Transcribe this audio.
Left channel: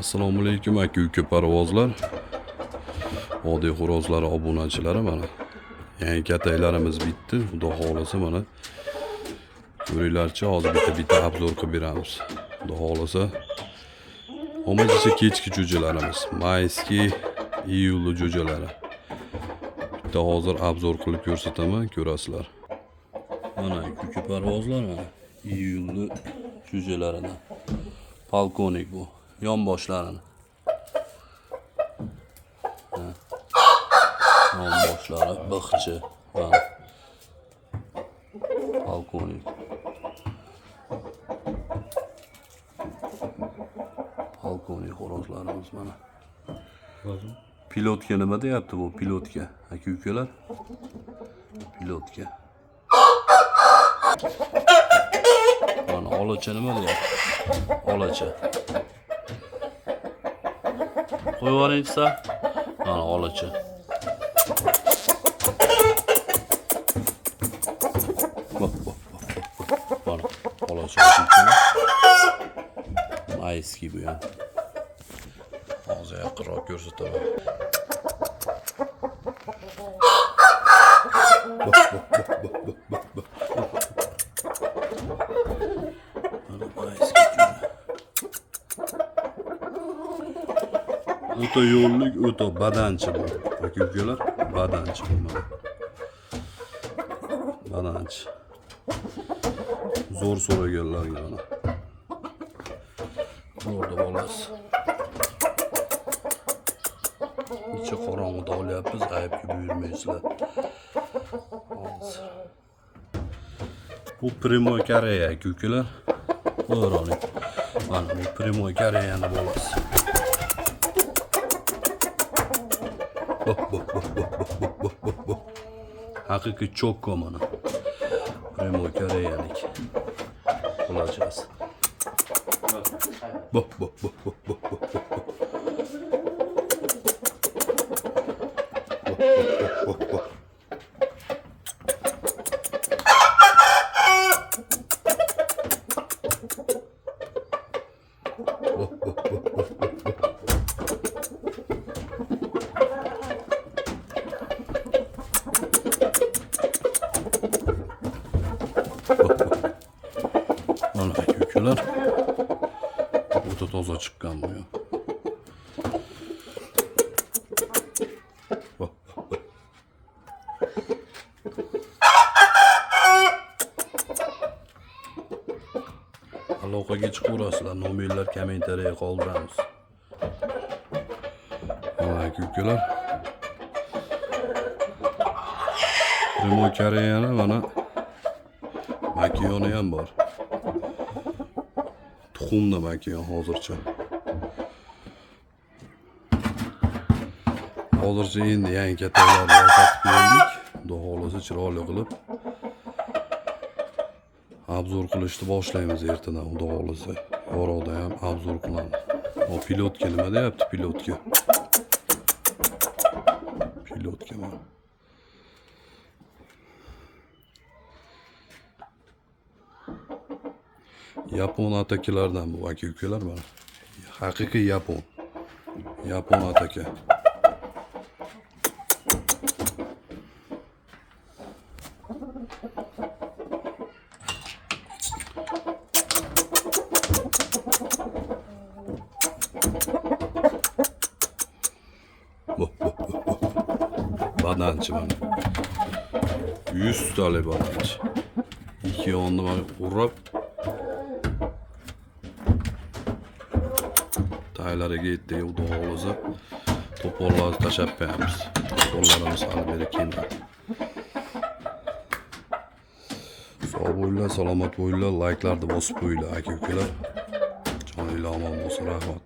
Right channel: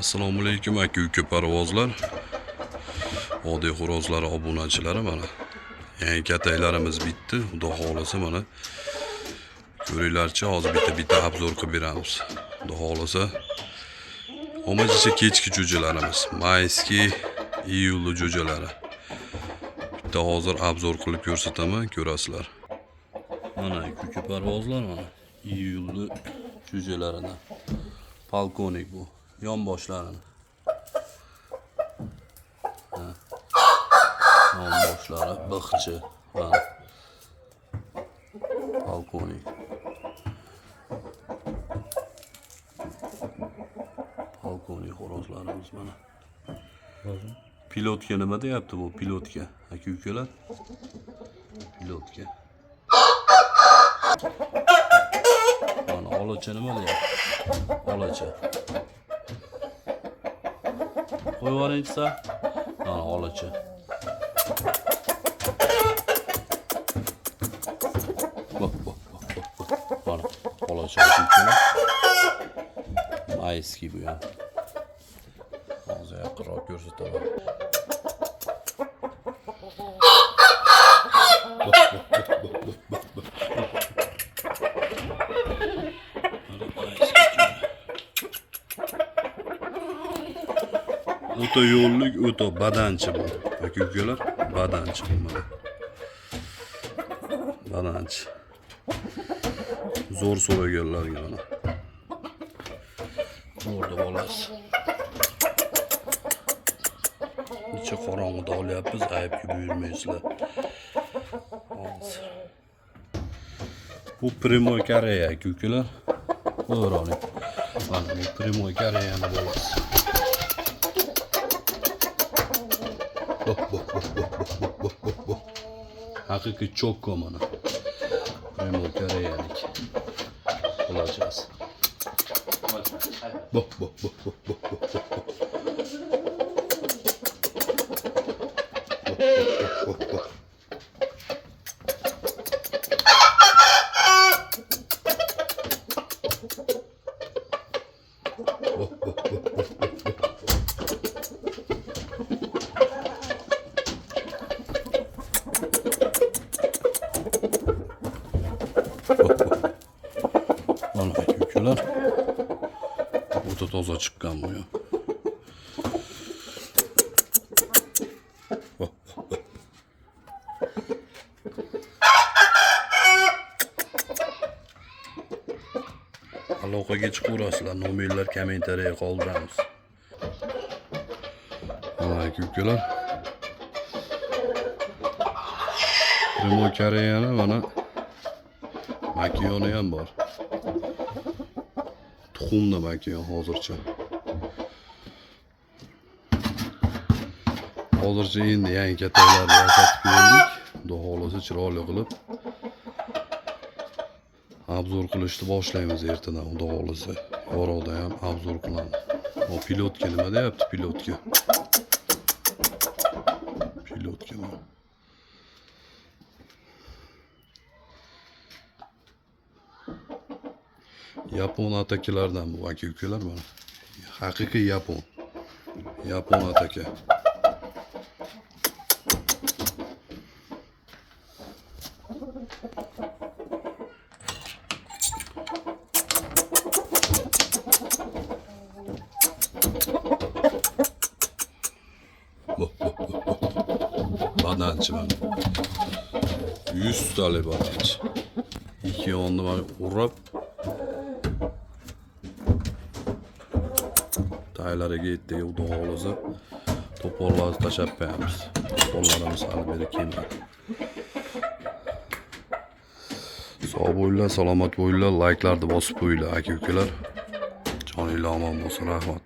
Assalomu alaykum aka-uka parvozlar. Oddiy xo'rozlar obunachilari mana. Yangi kataylarimiz bitdi. Xudo xolasa mana. Ko'ringlarchi, hozir bitta obzor qilib beramiz. Xudo xolasa. Omachicha kechki jo'jalarimiz. Mayskiy, iyulli jo'jalari. Bitta hozir obzor qilib ko'rsataman, ko'rasizlar. Mana aka-uka parvozlar mana. Iyulli jo'jalaridan. Polkovnik bu. Yonboshlarini. Yonboshlari biqchi va polkovnik. Polkovnik xo'rozlarimiz mana. Pilotka nima deyapti bu? Pilotka. Aka-ukalar. Pilotka. Mana olacha nima deyapti? Olacha. Qo'yib yuboringchi. Mana olacha. Mana olacha ekan. Mayskiy bu ham. Hozir yaqinroq ko'rsataman. O'ta yo'llik, o'ta badanchi bu. Aka-ukalar, badanchi bu mana. Badanchi. Zo'r so'raganlarga mana. Zo'r deb olasiz. Necha qorong'ida olyapmiz, aybga buyurmaysizlar. Bu Primoy Koreya aka-ukalar. Qo'yroning. Mana bu Primoy Koreyani bolasi. Haqiqiy chokko mana. Primoy Koreyalik. Olacağız. Mana aka-ukalar. O'ta toza chiqqan bu. Aloqaga chiqaverasizlar, nomerlar kommentariyaga qoldiramiz. Mana aka-ukalar. Primoy Koreyani mana makiyoni ham bor. Tuxumda makiyon hozircha. Hozircha endi yangi kataylarni sotib berdik. Xudo xolasa chiroyli qilib obzor qilishni boshlaymiz ertadan, xudo xolasa. Yorug'da ham obzor qilamiz. O pilotka nima deyapti? Pilotka. Pilotka mana. Yapon atakilardan bu aka-ukalar mana. Haqiqiy Yapon. Yapon ataka. Badanchi mana. 100 tali badanchi. İki yonda mana urab taylariga yetdi, xudo xolasa to'pollarni tashlab qo'yamiz. To'pollarimiz hali beri kelmadi. Sog' bo'linglar, salomat bo'linglar, layklarni bosib qo'yinglar aka-ukalar. Joninglar omon bo'lsin, rahmat.